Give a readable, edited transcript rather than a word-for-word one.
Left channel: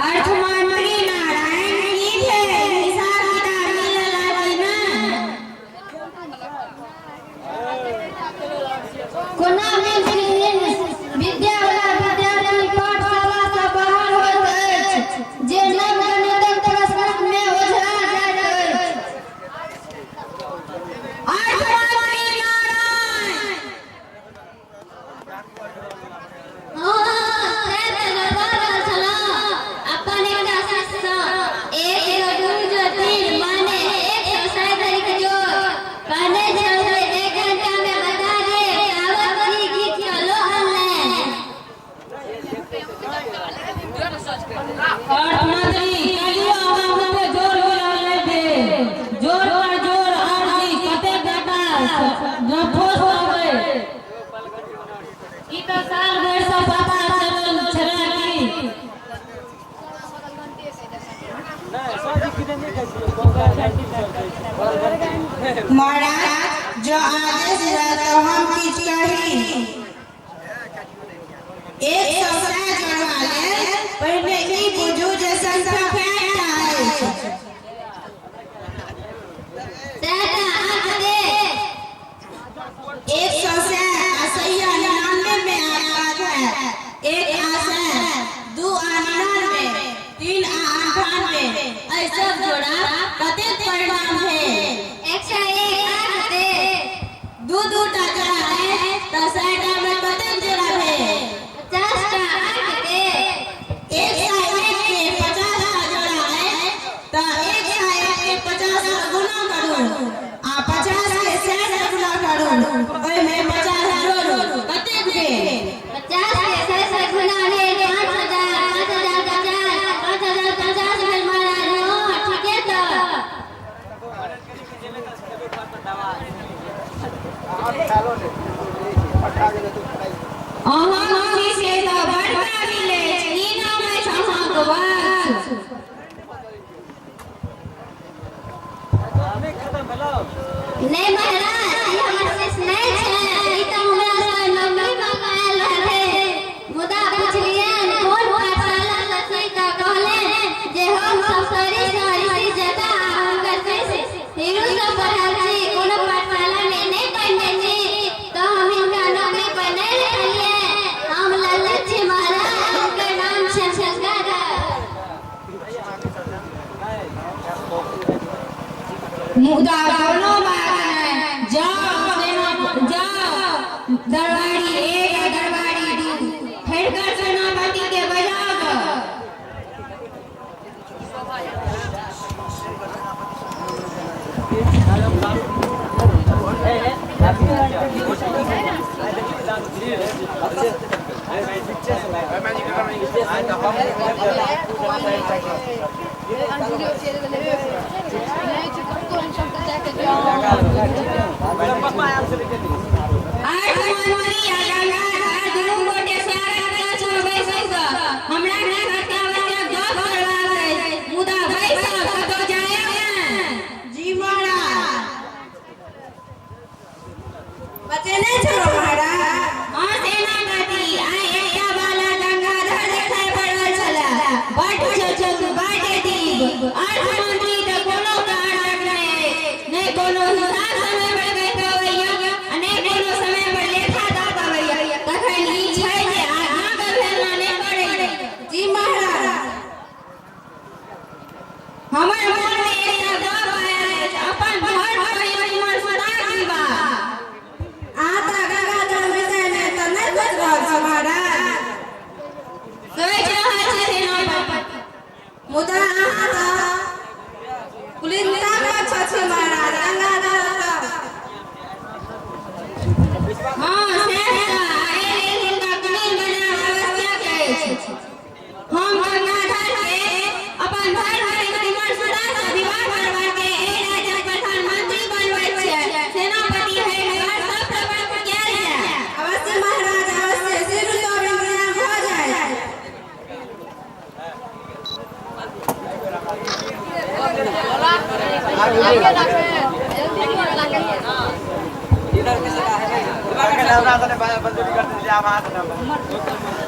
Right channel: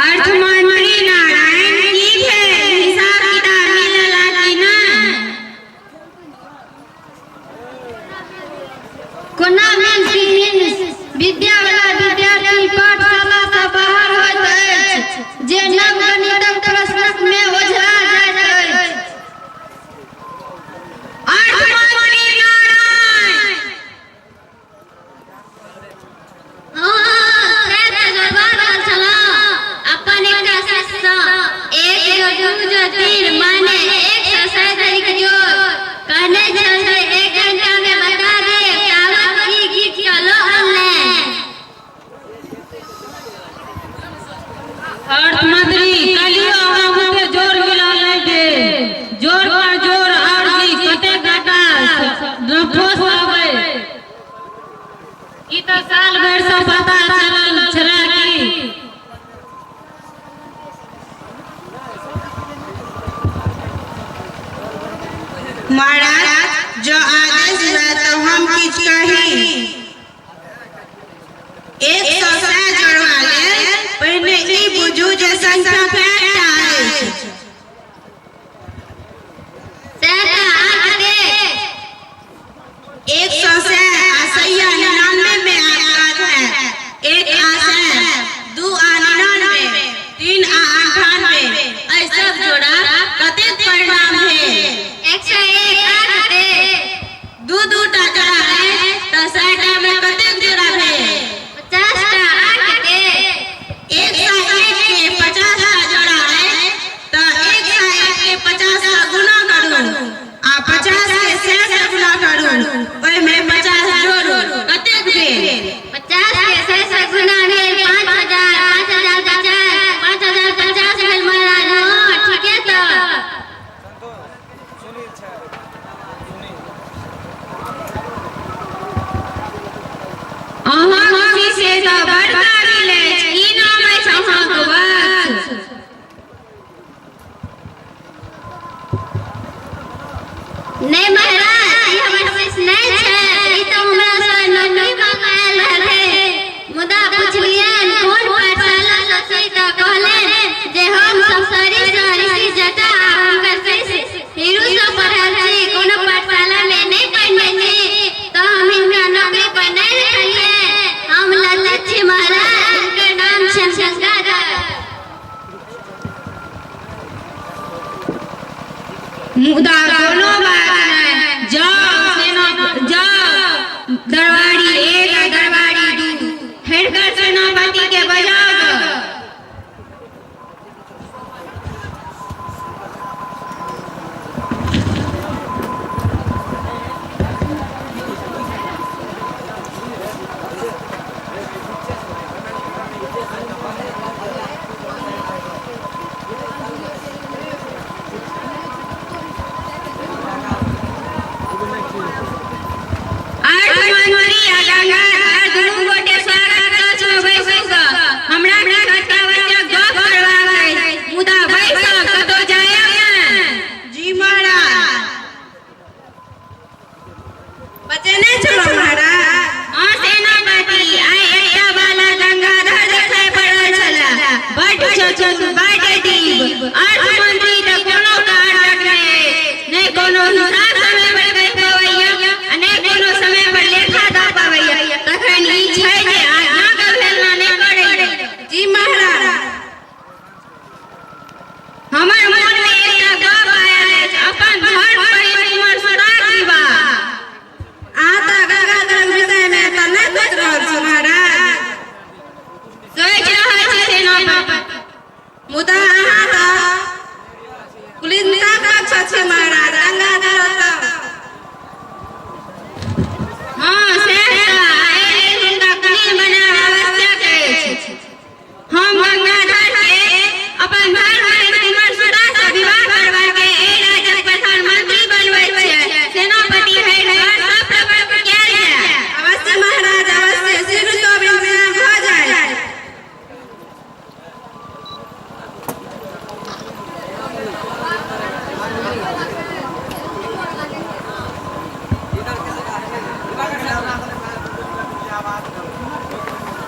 अर्थमंत्री नारायण की हिसाब किताब मिलला कि ना कोना में विद्या वाला विद्यार्थी पाठशाला से बाहर होत अछि जे नव गणितक प्रश्न में ओझा जाइत अछि। अर्थमंत्री नारायण अर्थमंत्री कलियो हमके जोर मिला लेके जोर पर जोर और की कते घाटा नफोस आवे ई तो साल भर से पता चलल छरा की महाराज जो आदेश है तो हम किछ कही 100 से जोड़वा ले पहले ई बुझू जे संख्या फेट है तेरा आगे 100 से असैया 99 में आता है 1 आसे 2 99 3 98 ऐसा जोड़ा कते परिणाम है 101 आते 2 2 टा जोड़ा है तो 60 में कते जोड़ा है 50 टा आके 101 के 50 टा जोड़ा है तो 101 के 50 का गुना करूं आ 50 के 100 से गुना करूं ओए में 50 जोड़ू कते भेल 50 के 100 से गुना भेल 5000 5000 50 भेल महाराज ठीक है तो अहाँ खुशी से तो बड़का मिले ई नाम है अहाँके बात नहीं महाराज ई हमर से नहीं छै ई तो हमरा से नौकरी मंगायल रहे मुदा पुछलियन कोन पाठशाला से तो कहले जे हम सब सारी जता हम कैसे हीरो से पढ़ल छी कोनो पाठशाला में नहीं पढ़ने छी तो हम इनका नौकरी पर नहीं रहिए हम लल्लत छी महाराज उनका नाम शंकर मुदा कोनो बात नहीं जाओ जाओ दरबारी 1 दरबारी 2 हेडकर सेनापति के बजाओ मुदा पुलिस महाराज आवाज